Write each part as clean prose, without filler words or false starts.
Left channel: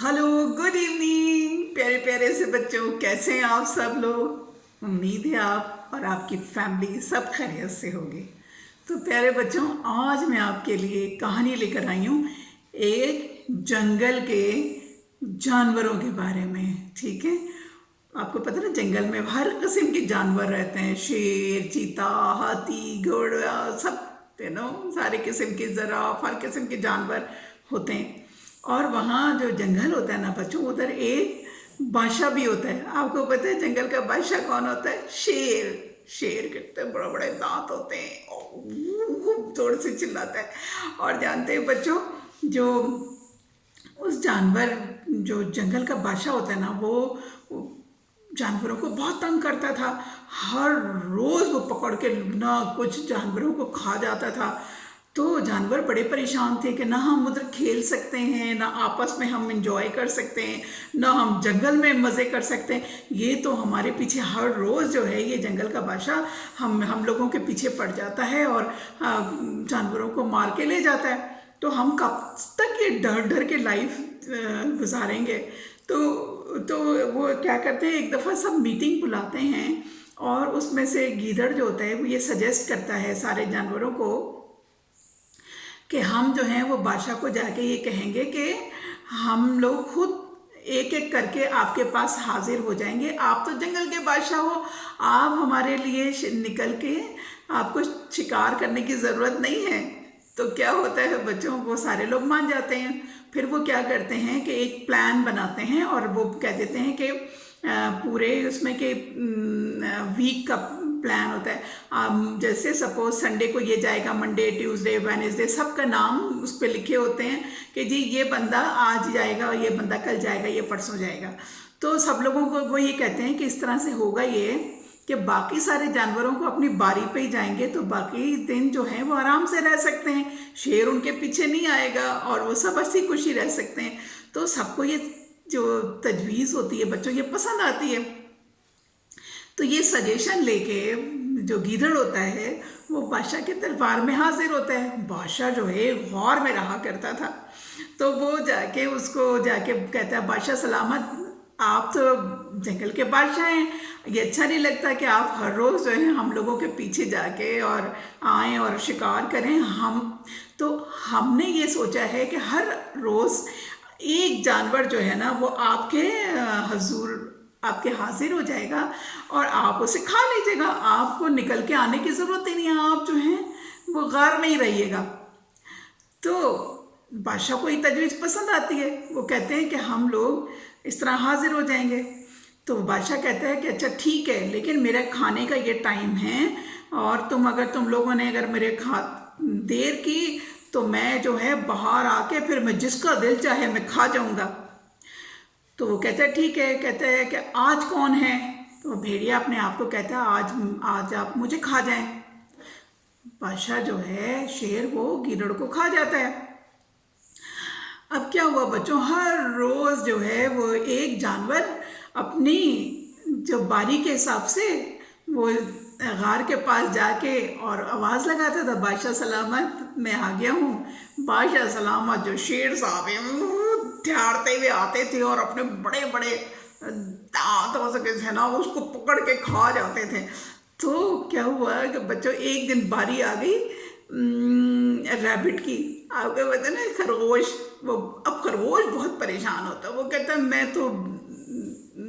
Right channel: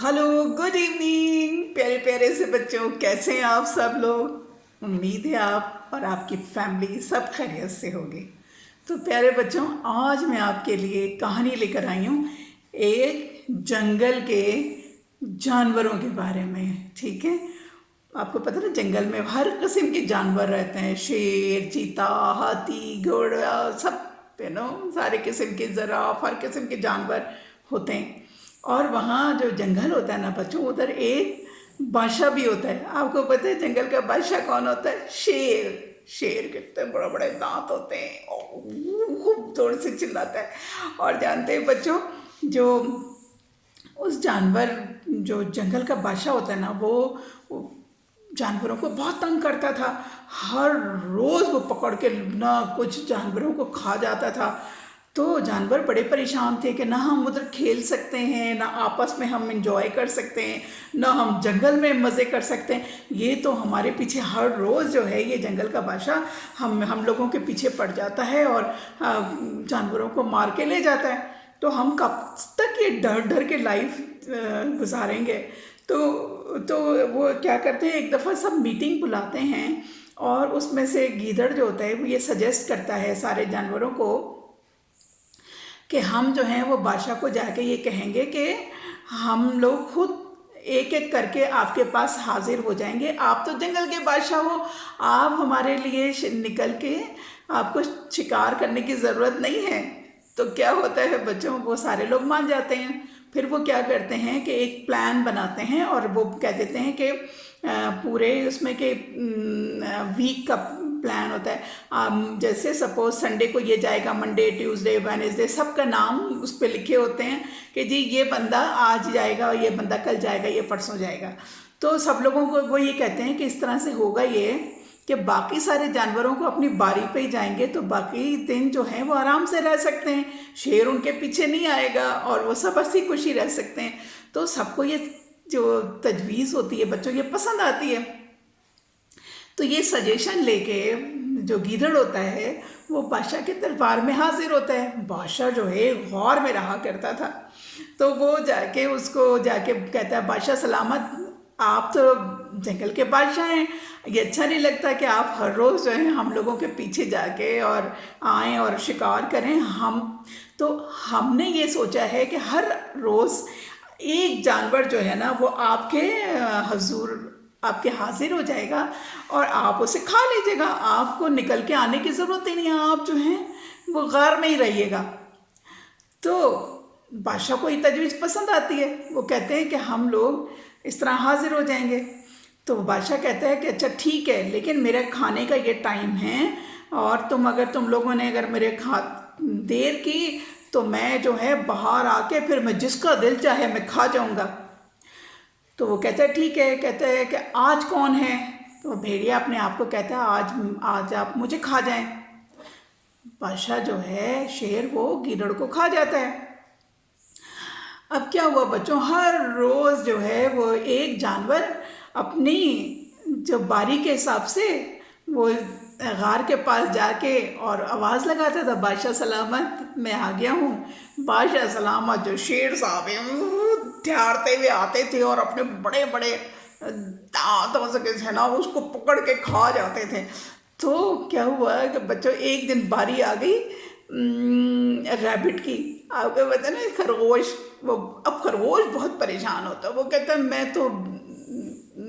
Hello, good evening प्यारे प्यारे से बच्चों। कैसे हैं आप सब लोग? उम्मीद है आप और आपकी फैमिली सब खैरियत से होगी। तो प्यारे बच्चों, आज मैं आपके लिए एक कहानी लेकर आई हूँ एक जंगल के जानवरों के बारे में। ठीक है, आपको पता है ना, जंगल में हर किस्म के जानवर रहते हैं। शेर, चीता, हाथी, घोड़ा, सब सारे किस्म के जिराफ, हर किस्म के जानवर होते हैं। और वहाँ जो जंगल होता है ना बच्चों, उधर एक बादशाह भी होता है। आपको पता है जंगल का बादशाह कौन होता है? शेर। शेर कितने बड़े बड़े दांत होते हैं और खूब जोर से चिल्लाता है। और जानते हैं बच्चों, जो उस जानवर जो जंगल का बादशाह होता है ना, वो जानवरों को बहुत तंग करता था। हर रोज वो पकड़ के ना कुछ जानवरों को खा जाता था। तो जानवर बड़े परेशान थे कि ना हम उधर खेल सकते हैं, ना आपस में हम इंजॉय कर सकते हैं, ना हम जंगल में मज़े कर सकते हैं। ये तो हमारे पीछे हर रोज़ जो है ये जंगल का बादशाह हम लोगों के पीछे पड़ जाता है और जानवरों को मार के ले जाता है। तो हम कब तक ये डर डर के लाइफ गुजारेंगे? तो वो क्या करते हैं, एक दफ़ा सब मीटिंग बुलाते हैं और उसमें से गीदड़ जो होता है वो ये सजेस्ट करता है सारे जानवरों को कि हम जो हैं वो बादशाह को जाके ये कहेंगे कि हम लोग खुद एक एक करके आपके पास हाजिर हो जाएंगे। आप तो जंगल के बादशाह हो, आप हमारे लिए निकल के आपको शिकार करने की ज़रूरत नहीं है। तो क्या होता है बच्चों, वो सारे लोग मान जाते हैं। फिर वो क्या करते हैं कि एक प्लान बनाते हैं और वो कह देते हैं कि पूरे उसमें कि वीक का प्लान होता है। जैसे सपोज संडे को ये जाएगा, मंडे, ट्यूसडे, वेडनेसडे, सबका नाम उस पर लिखे होते हैं कि जी ये बंदा आज जाएगा, ये बंदा कल जाएगा, ये परसों जाएगा। तो सब लोगों को वो ये कहते हैं कि इस तरह से होगा ये कि बाकी सारे जानवरों को अपनी बारी पे ही जाएंगे, तो बाकी दिन जो है वो आराम से रह सकते हैं। शेर उनके पीछे नहीं आएगा और वो सब हंसी खुशी रह सकते हैं। तो सबको ये जो तजवीज़ होती है बच्चों, ये पसंद आती है। तो ये सजेशन लेके जो गीदड़ होता है वो बादशाह के दरबार में हाजिर होता है। बादशाह जो है गौर में रहा करता था। तो वो जाके उसको जाके कहता है, बादशाह सलामत, आप तो जंगल के बादशाह हैं, ये अच्छा नहीं लगता कि आप हर रोज़ जो है हम लोगों के पीछे जाके और आएँ और शिकार करें। हमने ये सोचा है कि हर रोज़ एक जानवर जो है ना वो आपके हजूर आपके हाजिर हो जाएगा और आप उसे खा लीजिएगा। आपको निकल के आने की ज़रूरत ही नहीं है, आप जो हैं वो गार में ही रहिएगा। तो बादशाह को ये तजवीज़ पसंद आती है। वो कहते हैं कि हम लोग इस तरह हाजिर हो जाएंगे। तो बादशाह कहता है कि अच्छा ठीक है, लेकिन मेरे खाने का ये टाइम है और तुम लोगों ने अगर मेरे देर की तो मैं जो है बाहर आके फिर मैं जिसका दिल चाहे मैं खा जाऊंगा। तो वो कहता है ठीक है। कहता है कि आज कौन है? तो भेड़िया अपने आप को कहता है आज आज आप मुझे खा जाएं। बादशाह जो है शेर, वो गीदड़ को खा जाता है। अब क्या हुआ बच्चों, हर रोज जो है वो एक जानवर अपनी जो बारी के हिसाब से वो गार के पास जाके और आवाज़ लगाता था, बादशाह सलामत मैं आ गया हूँ। बादशाह सलामत जो शेर साहब हैं ध्याड़ते हुए आते थे और अपने बड़े बड़े दांतों से ना उसको पकड़ के खा जाते थे। तो क्या हुआ कि बच्चों, एक दिन बारी आ गई रैबिट की। आपको पता है ना, खरगोश। वो अब खरगोश बहुत परेशान होता है। वो कहता है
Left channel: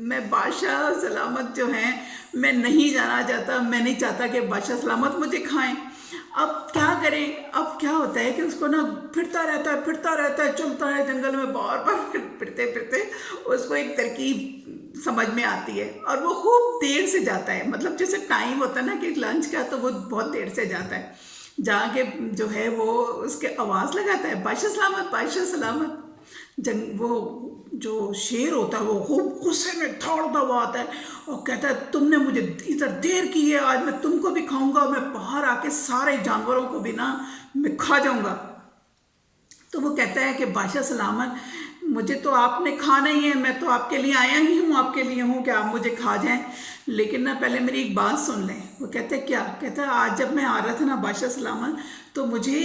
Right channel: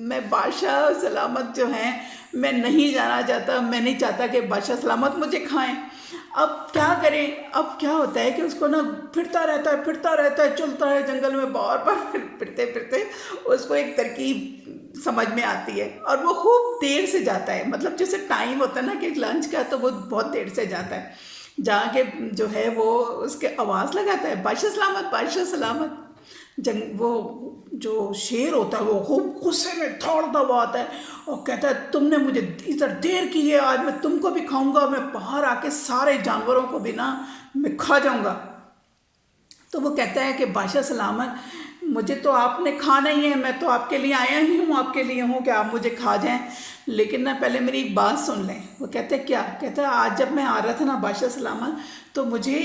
मैं बादशाह सलामत जो हैं मैं नहीं जाना चाहता, मैं नहीं चाहता कि बादशाह सलामत मुझे खाएं। अब क्या करें? अब क्या होता है कि उसको ना फिरता रहता है, चलता है जंगल में बार बार फिरते फिरते उसको एक तरकीब समझ में आती है और वो खूब देर से जाता है। मतलब जैसे टाइम होता है ना कि लंच का, तो वो बहुत देर से जाता है। जाके जो है वो उसके आवाज़ लगाता है, बादशाह सलामत, बादशाह सलामत। वो जो शेर होता है वो खूब गुस्से में दौड़ता हुआ आता है और कहता है तुमने मुझे इधर देर की है, आज मैं तुमको भी खाऊंगा, मैं बाहर आके सारे जानवरों को भी ना मैं खा जाऊंगा। तो वो कहता है कि बादशाह सलामत, मुझे तो आपने खाना ही है, मैं तो आपके लिए आया ही हूँ, आपके लिए हूँ कि आप मुझे खा जाएं, लेकिन ना पहले मेरी एक बात सुन लें। वो कहते हैं क्या? कहता है आज जब मैं आ रहा था ना बादशाह सलामत, तो मुझे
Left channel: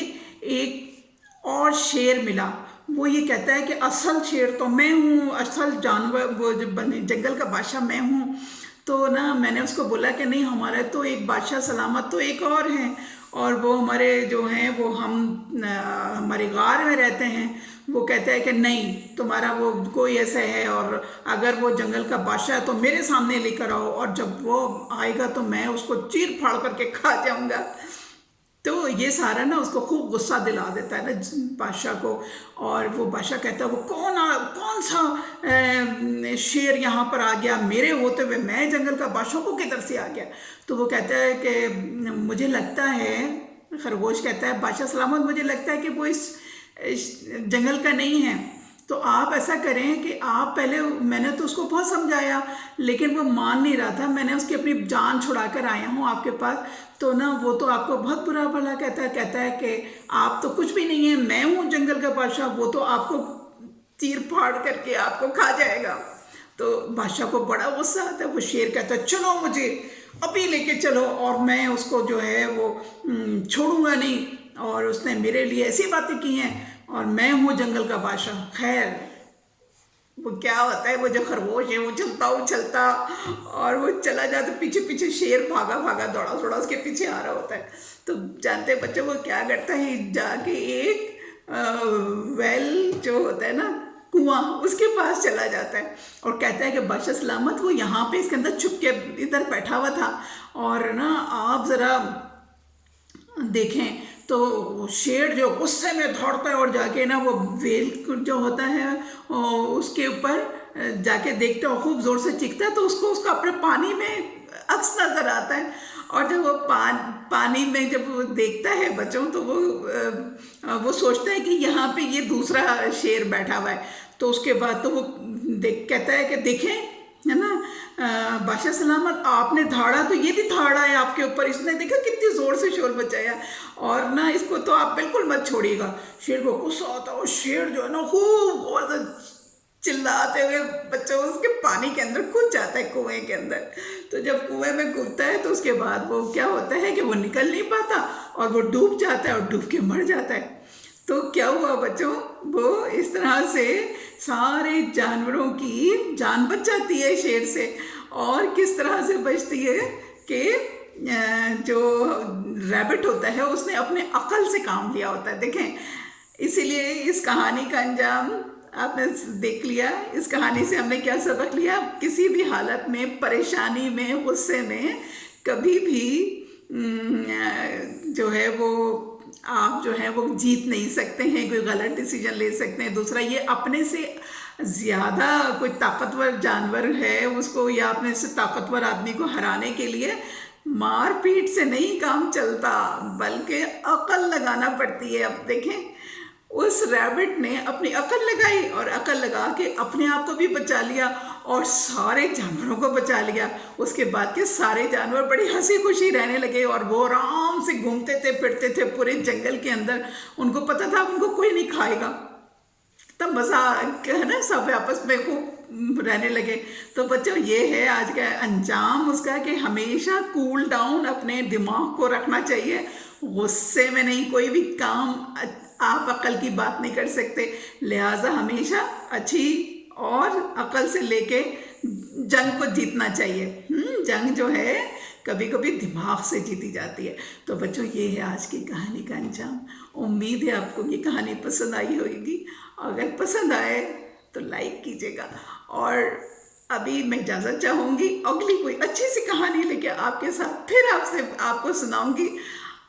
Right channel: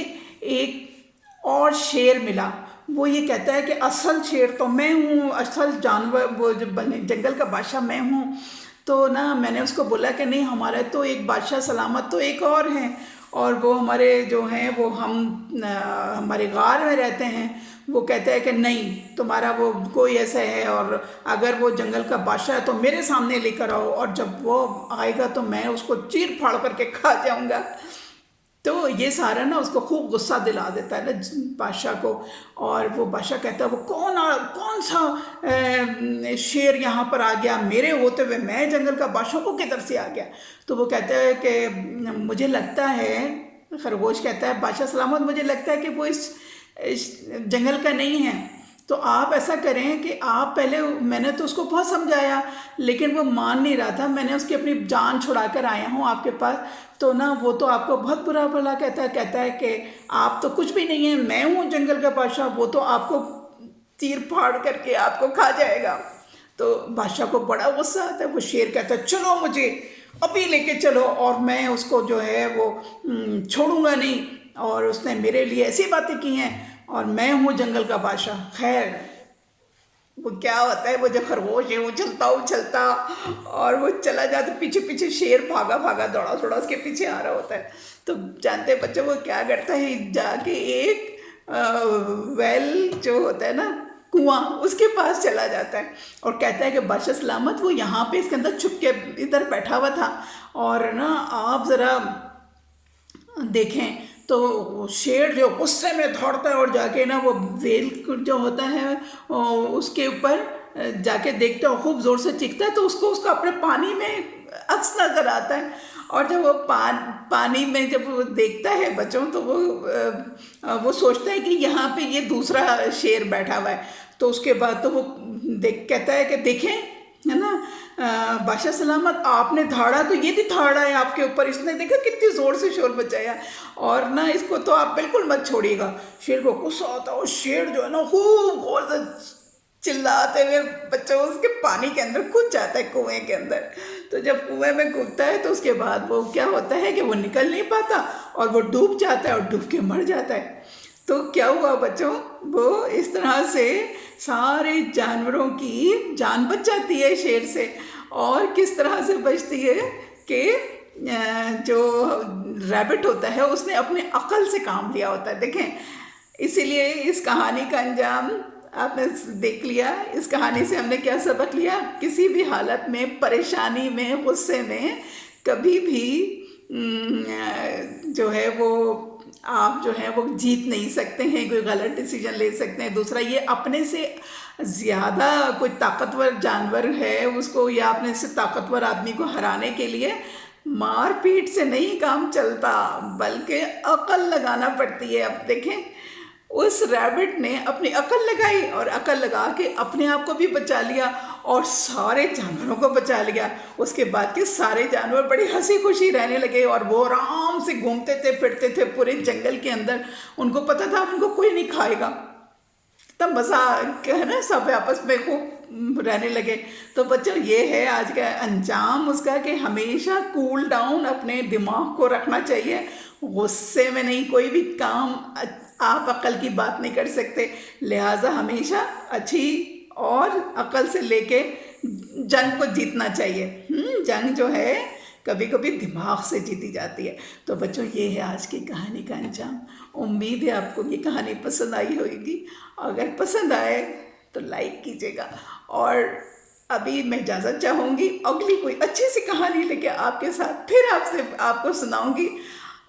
एक और शेर मिला। वो ये कहता है कि असल शेर तो मैं हूँ, असल जानवर वो जो जंगल का बादशाह मैं हूँ। तो ना मैंने उसको बोला कि नहीं, हमारा तो एक बादशाह सलामत तो एक और है, और वो हमारे जो हैं वो हमारे गार में रहते हैं। वो कहता है कि नहीं, तुम्हारा वो कोई ऐसा है, और अगर वो जंगल का बादशाह है तो मेरे सामने लेकर आओ, और जब वो आएगा तो मैं उसको चीर फाड़ करके खा जाऊंगा। तो ये सारा ना उसको खूब गुस्सा दिला देता है ना बादशाह को। और वो बादशाह कहता है वो कौन सा शेर यहाँ पर आ गया, मेरे होते हुए मैं जंगल का बादशाह को किधर से आ गया। तो वो कहता है कि मुझे लगता है, खरगोश कहता है बादशाह सलामत, मुझे लगता है कि वो इस जंगल का नहीं है। तो आप ऐसा करें कि आप पहले, मैंने तो उसको बहुत समझाया लेकिन वो मान नहीं रहा था, मैंने उसकी अपनी जान छुड़ा कर आया हूँ आपके पास। तो ना वो तो आपको बहुत बुरा भला कहता है कि आप तो कुछ भी नहीं है, मैं हूँ जंगल का बादशाह, वो तो आपको चीर फाड़ करके आपको खा जाएगा। तो बादशाह को बड़ा गुस्सा आता है। वो शेर कहता है चलो मुझे अभी लेके चलो, और मैं उसको जो है वो छोड़ूंगा नहीं, और उसने मेरे लिए ऐसी बातें की हैं, और मैं हूँ जंगल का बादशाह। खैर वो क्या होता है, वो जो खरगोश है वो उछलता और वो चला जाता, पीछे पीछे शेर भागा भागा दौड़ा दौड़ा उसके पीछे आ रहा होता है। तो जानते हैं बच्चों, वो क्या करता है, जाके एक वेल जो होता है ना, कुआं, उसके पास चला जाता है और कहता है कि बादशाह सलामत वो यहाँ पे इसके अंदर छुप के इधर बैठा हुआ था, और ना आप ज़रा देखें। तो शेर जो गुस्से में दौड़ता है और जाके ना वो वेल जो होता है उसके ऊपर जाके देखता है, खूब ज़ोर से चीखता है। तो उसको उसका अपने पानी में अक्स नज़र आता है, और जब वो पानी में जब वो देखता है बच्चों, तो वो सोचता है कि यहाँ पे ये दूसरा शेर बैठा हुआ है। तो उसके बाद तो वो कहता है कि देखें, है ना, बादशाह सलामत आपने धाड़ा तो ये भी धाड़ा है आपके ऊपर, इसने देखा कितनी ज़ोर से शोर मचाया, और ना इसको तो आप बिल्कुल मत छोड़िएगा। शेर को गुस्सा आता है और शेर जो है ना खूब और चिल्लाते हुए बच्चों उसके पानी के अंदर कूद जाता है, कुएं के अंदर। तो जब कुएं में कूदता है तो उसके बाद वो क्या होता है कि वो निकल नहीं पाता और वो डूब जाता है और डूब के मर जाता है। तो क्या हुआ बच्चों, वो इस तरह से सारे जानवरों की जान बच जाती है शेर से। और किस तरह से बचती है कि जो रैबिट होता है उसने अपने अकल से काम लिया होता है। देखें, इसीलिए इस कहानी का अंजाम आपने देख लिया। इस कहानी से हमने क्या सबक लिया, किसी भी हालत में, परेशानी में, गुस्से में कभी भी जो है वो आप जो है वो जीत नहीं सकते हैं, कोई गलत डिसीजन ले सकते हैं। दूसरा, ये अपने से ज़्यादा कोई ताकतवर जानवर है उसको, या अपने से ताकतवर आदमी को हराने के लिए मार पीट से नहीं काम चलता, बल्कि अकल लगाना पड़ती है। अब देखें, उस रैबिट ने अपनी अकल लगाई और अकल लगा के अपने आप को भी बचा लिया और सारे जानवरों को बचा लिया। उसके बाद के सारे जानवर बड़ी हंसी खुशी रहने लगे और वो आराम से घूमते थे, फिरते थे पूरे जंगल के अंदर। उनको पता था उनको कोई नहीं खाएगा, तब मज़ा है ना, सब आपस में खूब रहने लगे। तो बच्चों, ये है आज का अंजाम उसका कि हमेशा कूल डाउन अपने दिमाग को रखना चाहिए। गुस्से में नहीं कोई भी काम, आप अकल की बात नहीं कर सकते, लिहाजा हमेशा अच्छी और अकल से लेके जंग को जीतना चाहिए। जंग जो है कभी कभी दिमाग से जीती जाती है। तो बच्चों, ये है आज की कहानी का अंजाम। उम्मीद है आपको ये कहानी पसंद आई होगी। अगर पसंद आए तो लाइक कीजिएगा, और अभी मैं इजाज़त चाहूँगी, अगली कोई अच्छी सी कहानी लेके आपके साथ फिर आपको सुनाऊँगी।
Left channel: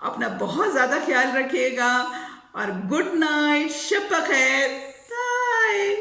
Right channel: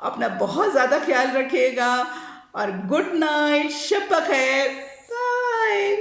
अपना बहुत ज़्यादा ख्याल रखिएगा और गुड नाइट, शब बखैर, बाय।